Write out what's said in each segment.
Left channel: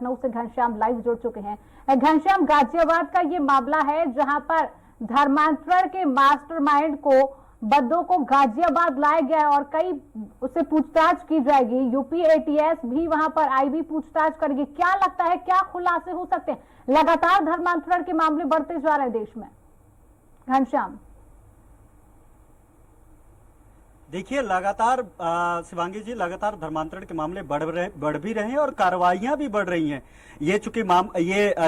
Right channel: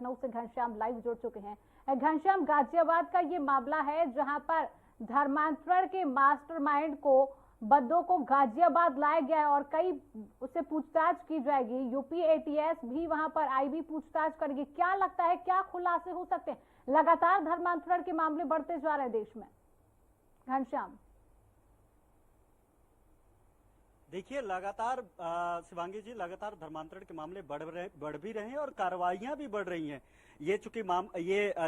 लखनऊ से घनश्याम लाइव जुड़ चुके हैं। घनश्याम, गाजियाबाद का ये मामला है जहां पर धर्मांतरण के मास्टरमाइंड को बद्दों को गाजियाबाद लाया गया और कई उससे पूछताछ की जाएगी। यूपी एटीएस भी वहां पर आईबी पूछताछ करेगी। क्या लगता है, क्या खुलासे हो सकते हैं? लगातार धर्मांतरण के मामले बढ़ते जा रहे हैं देश में। घनश्याम, देखिए, लगातार शिवांगी जी, लगातार धर्मांतरण के मामले बढ़ भी रहे हैं और कार्रवाइयां भी बढ़ रही हैं। ये चूंकि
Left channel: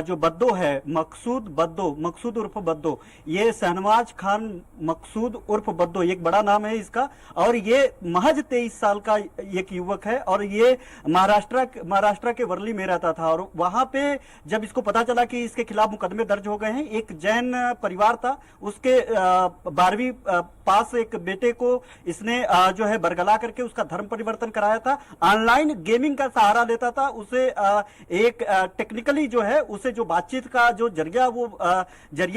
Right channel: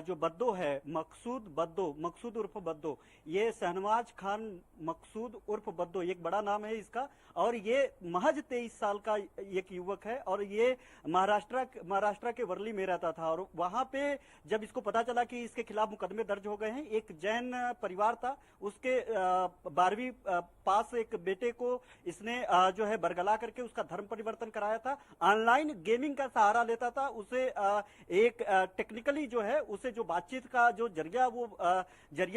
जो बद्दो है, मकसूद उर्फ बद्दो, ये शहनवाज खान मकसूद उर्फ बद्दो, एक बड़ा नाम है इसका, और ये महज 23 साल का एक युवक है और ये महाराष्ट्र के वर्ली में रहता था। और वहां पे जब इसको पता चला कि इसके खिलाफ मुकदमे दर्ज हो गए हैं, एक जैन परिवार था, उसके 12वीं पास एक बेटे को इसने जो है बरगला करके उसका धर्म परिवर्तन कराया था। ऑनलाइन गेमिंग का सहारा लेता था। उसे एक टेक्निकली जो है, उसे जो बातचीत का जो जरिया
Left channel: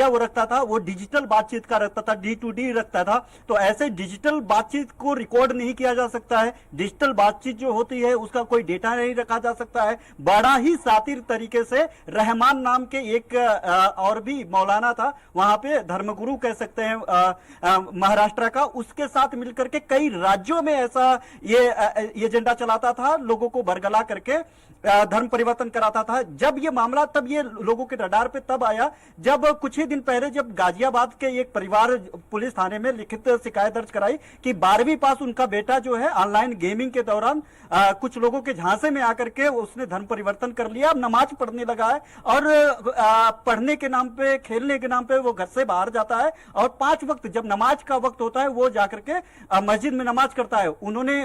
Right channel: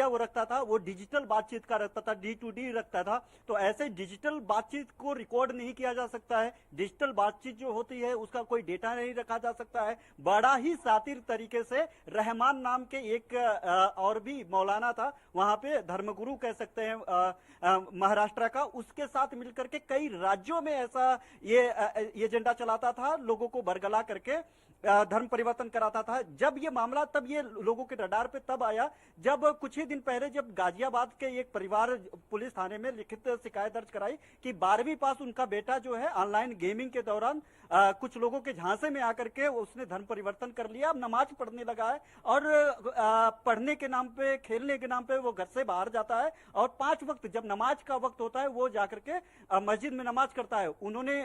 वो रखता था, वो डिजिटल बातचीत का रखता था, D2D रखता था। तो ऐसे डिजिटल बातचीत को रिकॉर्ड नहीं किया जा सकता है। डिजिटल बातचीत जो होती है उसका कोई डेटा नहीं रखा जा सकता है। बड़ा ही शातिर तरीके से रहमान नाम के एक और भी मौलाना था, वहां पे धर्मगुरु कह सकते हैं महाराष्ट्र का, उसके साथ मिलकर के कई राज्यों में ऐसा ये एजेंडा चलाता था, लोगों को बरगला करके धर्म परिवर्तन कराता था। जब ये मामला, तब ये लोगों के रडार पे तब आया जब कुछ ही दिन पहले जब गाजियाबाद के एक परिवार पुलिस थाने में लिखित शिकायत दर्ज कराई कि 12वीं पास उनका बेटा जो है ऑनलाइन गेमिंग के दौरान कुछ लोगों के झांसे में आकर के उसने धर्म परिवर्तन कर लिया, अब नमाज पढ़ने लगा है और पढ़ने के नाम पे, खेलने के नाम पे वो घर से बाहर जाता है और 5 वक्त जब नमाज का वक्त होता है वो जाकर के मस्जिद में नमाज करता है। उन्होंने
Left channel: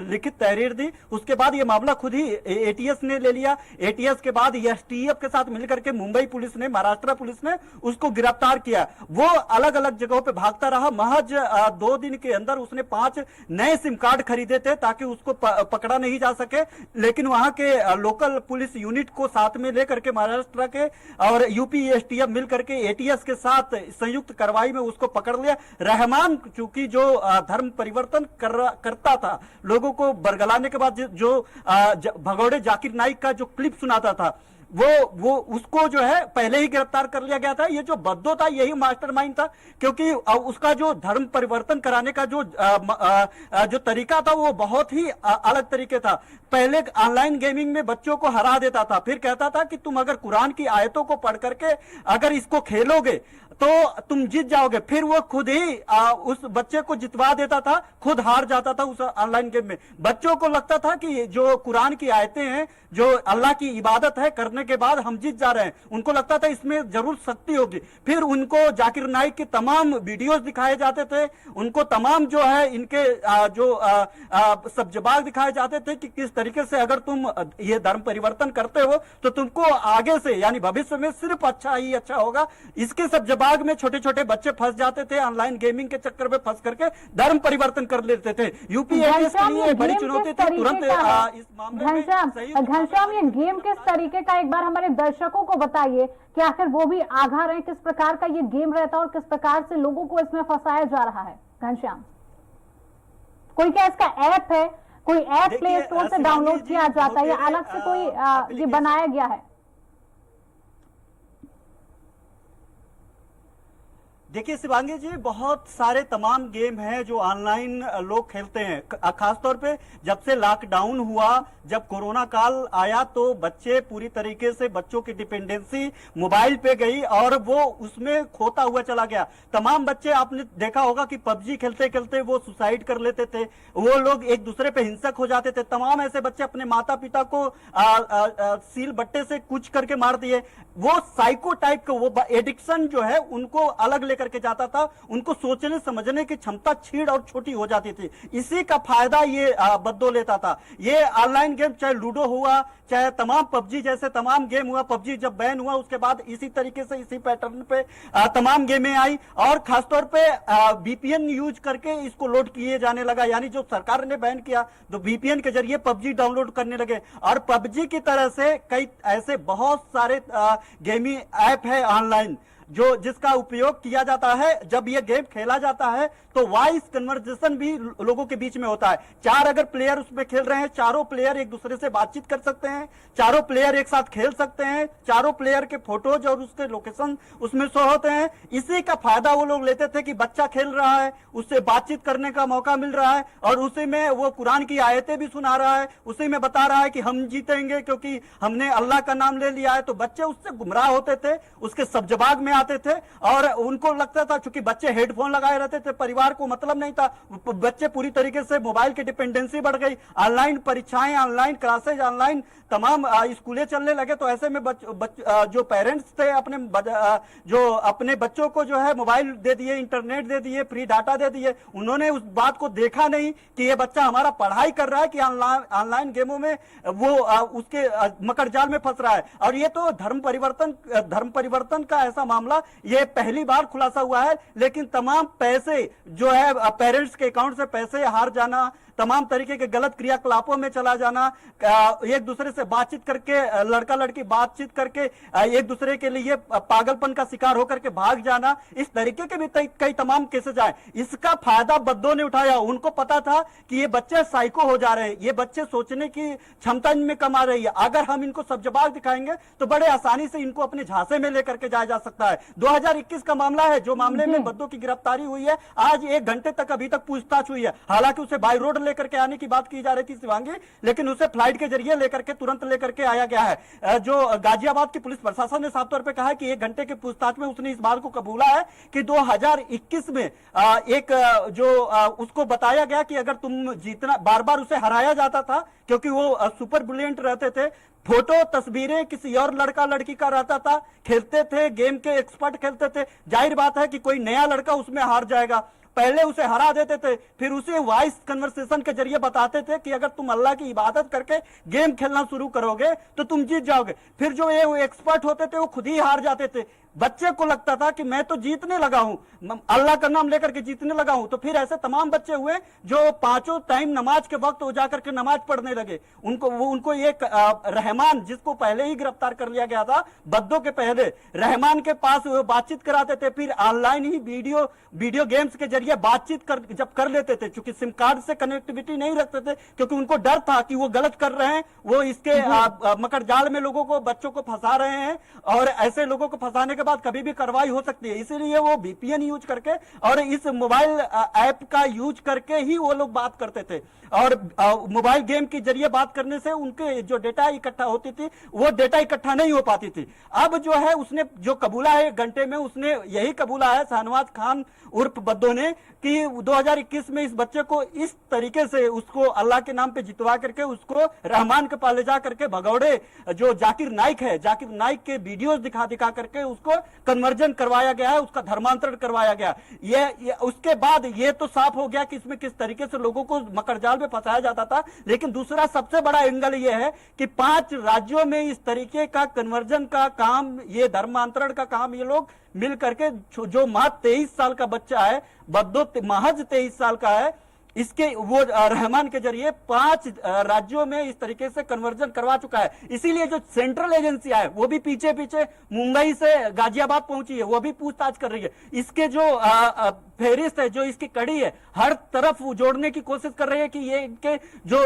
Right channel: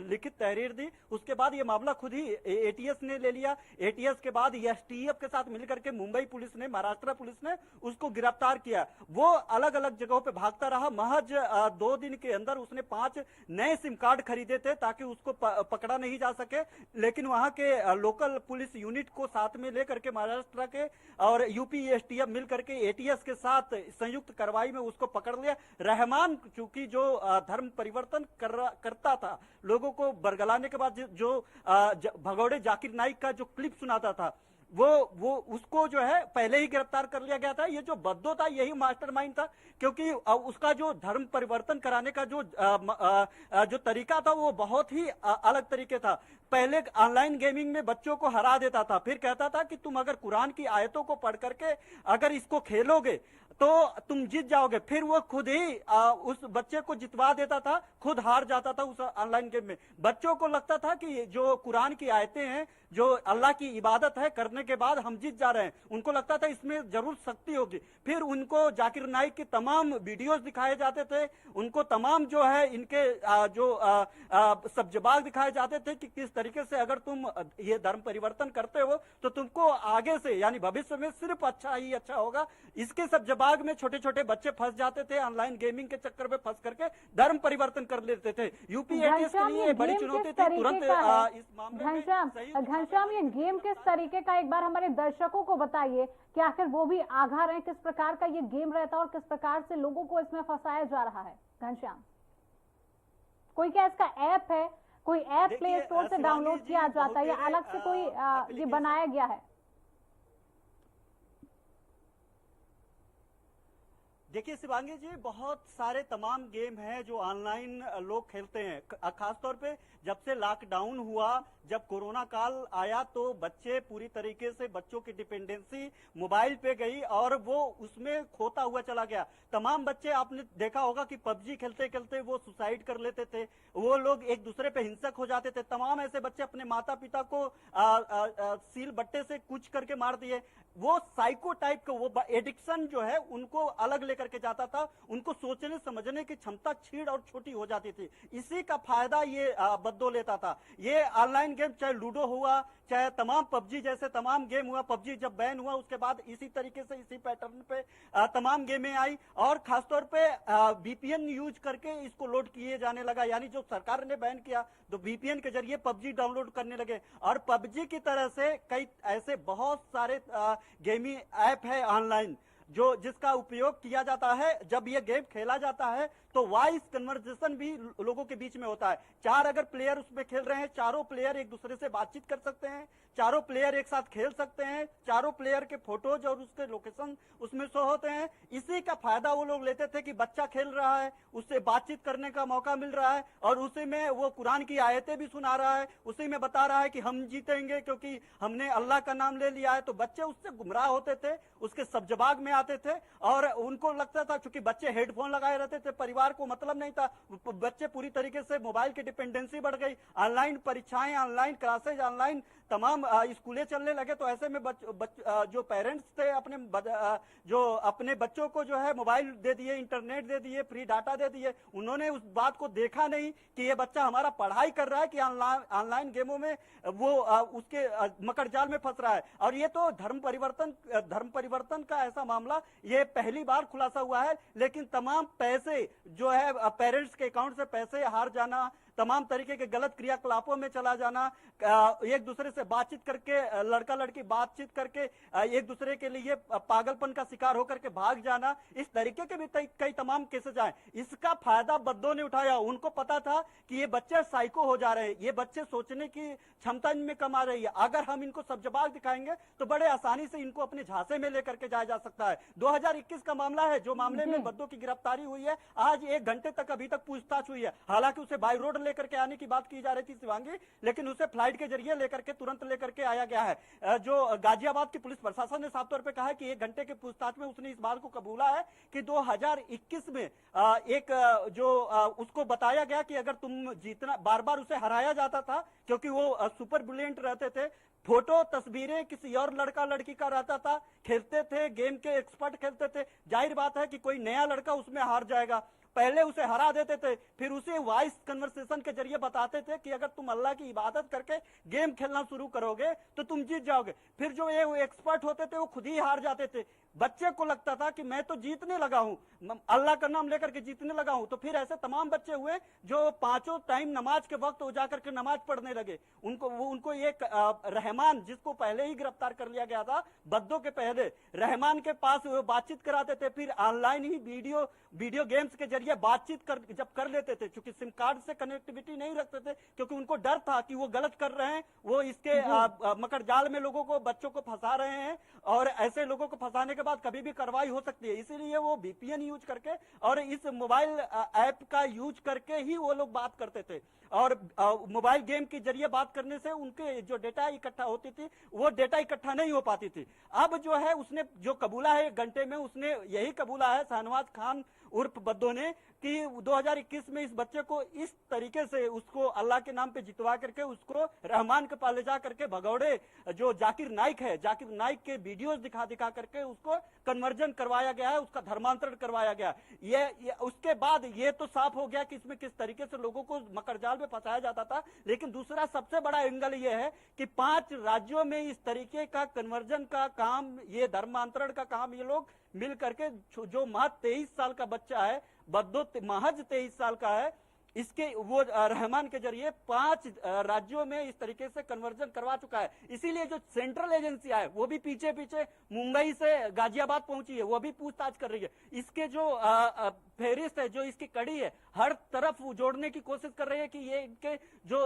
लिखित तहरीर दी। उसके बाद ये मामला खुद ही एटीएस ने ले लिया। एटीएस के बाद एसटीएफ के साथ मिलकर के मुंबई पुलिस ने, महाराष्ट्र पुलिस ने उसको गिरफ्तार किया। वो अलग अलग जगहों पे भागता रहा। महज 2 दिन के अंदर उसने 5 नए सिम कार्ड खरीदे थे ताकि उसको पकड़ा नहीं जा सके, लेकिन वहां के लोकल पुलिस यूनिट को साथ में लेकर के महाराष्ट्र के और यूपी एसटीएफ मिलकर के एटीएस के साथ संयुक्त कार्रवाई में उसको पकड़ लिया। रहमान चूंकि जो धर्म परिवर्तन करता था, लोगों को बरगलाने के बाद जो भगौड़े जाकिर नाइक का जो क्लिप सुनाता था, वो उसको जो है पहले ही गिरफ्तार कर लिया गया था। ये जो बद्दो था यही मास्टरमाइंड था, क्योंकि उसका जो धर्म परिवर्तन कराने का जो तरीका था वो बहुत ही अलग तरीके था। पहले ऑनलाइन गेमिंग में बच्चों को हरा देता था, फिर कहता था कि तुम अगर कुरान की आयतों को पढ़ करके अगर इसको खेलोगे तो तुम जीत जाओगे। फिर वो खुद ही उस बच्चे को जितवा देता था, खुद हार जाता था उस ऑनलाइन गेम में। बच्चों को लगता था कि जो कुरान की आयतें हैं, जो अल्लाह की इबादत है, करने के बाद हम जीत जा रहे हैं। उनको लगता था इसमें जरूर शक्ति होगी। फिर उनको जाकिर नाइक के तमाम वीडियोस दिखाए जाते थे, उनको तमाम जो है इनके सब जवाब दिखाए जाते थे कि किस तरीके से अगर तुम ये धर्म परिवर्तन करते हो तो तुमको आगे से यानी भविष्य में सिर्फ अच्छा ही अच्छा होगा। इसके सब जवाब में छोटे छोटे बच्चे फंस जाते थे, ऑनलाइन गेमिंग के चक्कर में फंस करके धर्म परिवर्तन कर लेते थे। यूपी के लिए बड़ी चुनौती थी तुरंत इस मामले में। घनश्याम, ये गेम किस तरीके का, एक बार हमारे दर्शकों को बताइए कि आखिर वो भी आगाह रहे, किस प्रकार का ये गेम रहता है और किस प्रकार से लोगों को इसमें फंसाया जा रहा है। घनश्याम, कोई क्या इसका ऐप है, कोई ऐप प्ले स्टोर से डाउनलोड किया जाता है या अलग से कोई ये बनाया गया है? देखिए शिवांगी जी, बहुत सारे तमाम गेम हैं जो ऑनलाइन लोग खेलते हैं। खासतौर पे जब से लॉकडाउन हुआ, जब कोरोना काल आया, तो बच्चे पूरी तरीके से, बच्चों की डिपेंडेंसी मोबाइल पे गई और वो उसमें खोता हुआ चला गया। तमाम बच्चे, आपने देखा होगा कि पबजी खेलते खेलते वो सुसाइड कर लेते थे, वो लोग एक दूसरे पे हिंसक हो जाते थे। तमाम ऐसे बच्चे अपने माता पिता को सील बट्टे से कूच करके मार दिए। वो साइको टाइप का वो एडिक्शन जो है उनको अलग लेकर के जाता था, उनको सोचने समझने की क्षमता छीड़ और छोटी हो जाती थी। इसी का फायदा ये बद्दो लेता था। ये ऑनलाइन गेम, चाहे लूडो हुआ, चाहे तमाम पबजी जैसे तमाम गेम हुआ, पबजी जब बैन हुआ उसके बाद इसी तरीके से, इसी पैटर्न पे तमाम गेमें आई और खासतौर पे VPN यूज करके इसको लोड किए जाने लगा। यानी जो सरकार ने बैन किया तो VPN के जरिए पबजी डाउनलोड करने लगे और पबजी की तरह से कई ऐसे बहुत सारे गेमिंग ऐप है ऑनलाइन जो जिसका उपयोग किया जाता है जब ये गेम खेला जाता है तो वॉइस कन्वर्सेशन भी लोगों के बीच में होता है। 4 अगर प्लेयर उसमें खेल रहे हैं, चारों प्लेयर एक दूसरे से बातचीत कर सकते हैं, चारों प्लेयर एक साथ खेल सकते हैं, चारों प्लेयर के फोटोज और उसके लोकेशन उसमें शो होते हैं। इसी का फायदा वो लोग लेते थे कि बच्चा खेल रहा है, उससे बातचीत करने का मौका मिल रहा है और उसी में वो कुरान की आयतें भी सुना रहा है, उसी में बता रहा है कि हम जीतेंगे क्योंकि हमने अल्लाह का नाम ले लिया है। तो बच्चे उससे गुमराह होते थे, उसके सब्जबाग में आते थे और उनको लगता था, चूंकि बच्चे हेडफोन लगाए रहते थे, परिवार को मतलब नहीं था, बच्चे पूरी तरीके से मोबाइल की डिपेंडेंसी बढ़ गई, ऑनलाइन परीक्षाएं, ऑनलाइन क्लासेज, ऑनलाइन तमाम स्कूलें चलने लगे। तो ऐसे में जो पेरेंट्स थे जो अपने बच्चों को जो है मोबाइल दे दिए, इंटरनेट दे दिए, फ्री डाटा दे दिए, उन्होंने उस बात को देखा नहीं कि ये बच्चा हमारा पढ़ाई कर रहा है कि ऑनलाइन गेमों में वो उसके मकड़जाल में फंस रहा है। और ये तो धर्म परिवर्तन का ऐसा मामला ये पहली बार खुलासा हुआ है। लेकिन तमाम पैसे जो है पेरेंट्स के अकाउंट से पैसे हार जाना, तमाम तरीके के गलत क्रियाकलापों में चला जाना, एक दूसरे से बातचीत करके, लड़का लड़की बातचीत करके एक दूसरे के लिए पागलपन का शिकार होकर के भाग जाना, इस तरीके के भी कई तमाम केसेस आए। इसका फायदा बद्दों ने उठाया। उनको पता था कि ये बच्चे साइको हो जा रहे हैं, ये बच्चे सोचने की क्षमता इनमें कम आ रही है, अगर हम इनको सब जवाब दिखाएंगे तो बड़े आसानी से इनको अपने झांसे में लेकर के जाया जा सकता है। 2021 का मामला है जो मामले में बद्दों की गिरफ्तारी हुई है। आज 1 घंटे तक अभी तक पूछताछ हुई है। हालांकि उसे बाई रोड लेकर के आने की बात की जा रही थी शिवांगी, लेकिन उसे फ्लाइट के जरिए लेकर के तुरंत लेकर के आया गया है। जो गाजियाबाद की पुलिस प्रशासन ने साफ तौर पे कहा है कि 1 घंटे के पूछताछ में उसने इस बात को कबूला है कि 2021 में उसको बताया गया कि अगर तुम जीतना, बार बार उसे हराया जाता था क्योंकि वो सुपर ब्रिलियंट रहते थे, फोटो तस्वीरें किसी और लड़का लड़की का रहता था, खेलते थे, गेम के एक्सपर्ट खेलते थे, जाहिर बात है कि कोई नया लड़का उसमें हार जाएगा। पहले उसे हरा देते थे, फिर उसे वॉइस कन्वर्सेशन के जरिए बताते थे कि अगर तुम अल्लाह की इबादत करके गेम खेलना शुरू करोगे तो तुम जीत जाओगे। फिर जो ये एक्सपर्ट होते थे वो खुद ही हार जाते थे। बच्चे को लगता था कि मैं तो जीतने लगा हूं, अल्लाह का नाम लेकर के जीतने लगा हूं। तो फिर ऐसे तमाम बच्चे हुए जो 5 टाइम नमाज के वक्त जाकर के नमाज पढ़ने लगे। उनको एक रहमान, जिसको पहले ही गिरफ्तार कर लिया गया था बद्दों के पहले, रहमान के पास बातचीत कराते थे। फिर ऑनलाइन ही वीडियो गेम्स के जरिए बातचीत जब कर लेते थे, क्योंकि सिम कार्ड से कनेक्टिविटी नहीं रखते थे, क्योंकि उनको डर था कि वो गलत कर रहे हैं, वो इसके मकड़जाल में लोगों को, बच्चों को फंसा रहे हैं और ऐसे लोगों को फंसाने के बाद कभी भी कार्रवाई हो सकती है। इसीलिए वो VPN यूज करके और इस मोबाइल ऐप का यूज करके ही वो लोग बात करते थे। और मोबाइल गेम के जरिए बात करने से उनके जो डेटा इकट्ठा होती थी वो डेटा इकट्ठा नहीं हो पाती थी। अब जो है उसने जो कबूला है 1 घंटे में, उसने यही कबूला है शाहनवाज खान उर्फ बद्दो ने कि 2021 में इस बच्चे को इस तरीके से उसको अल्लाह के नाम पे जितवा करके उसको रहमान के पास ले जा करके भगौड़े जो जाकिर नाइक है, जाकिर नाइक के वीडियोस दिखा करके उसको कन्वर्जन करवाया गया है, उसका धर्मांतरण करवाया गया। ये उसके बाद ये तो साफ हो गया कि इसमें किस तरीके से लोगों को मकड़जाल में फंसाया जाता था। लेकिन दूसरा सबसे बड़ा एंगल ये है कि 5 राज्यों में इस तरीके का कन्वर्जन का काम, ये धर्मांतरण का काम ये लोग मिल करके, जो मात्र 23 साल का बच्चा है, बद्दो महज 23 साल का है, इसके वो रहमान के जरिए 5 राज्यों में इस तरीके से कन्वर्जन करवा चुका है। इसीलिए जो सेंट्रल एजेंसियां है वो भी पीछे मुंबई से गाजियाबाद पहुंची है, वो भी पूछताछ कर रही है। इसके जो फहरिस्त है, जो इसकी कड़ी है, हर तरफ जोड़ने की कोशिश कर रही है कि ये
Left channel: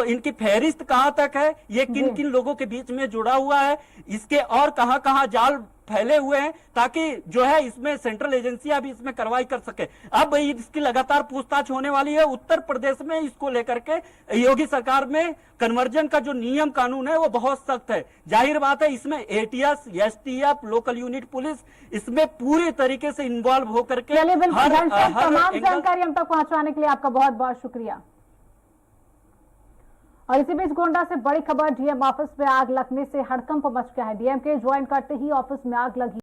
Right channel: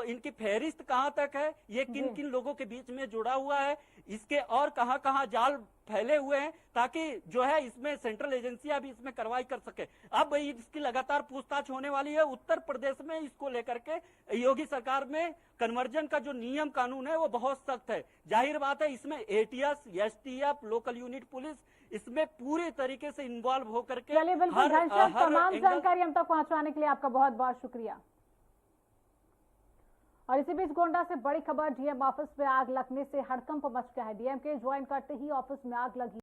इनकी फहरिस्त कहां तक है, ये किन किन लोगों के बीच में जुड़ा हुआ है, इसके और कहां कहां जाल फैले हुए हैं, ताकि जो है इसमें सेंट्रल एजेंसियां भी इसमें कार्रवाई कर सके। अब इसकी लगातार पूछताछ होने वाली है। उत्तर प्रदेश में इसको लेकर के योगी सरकार में कन्वर्जन का जो नियम कानून है वो बहुत सख्त है। जाहिर बात है इसमें ATS, STF, local unit police इसमें पूरी तरीके से इन्वॉल्व होकर के तमाम जानकारी हम तक पहुंचाने के लिए आपका बहुत बहुत शुक्रिया। और इसी बीच गोंडा से बड़ी खबर, DM ऑफिस में आग लगने से हड़कंप मच गया है। DM के ज्वाइन करते ही ऑफिस में आग लगी।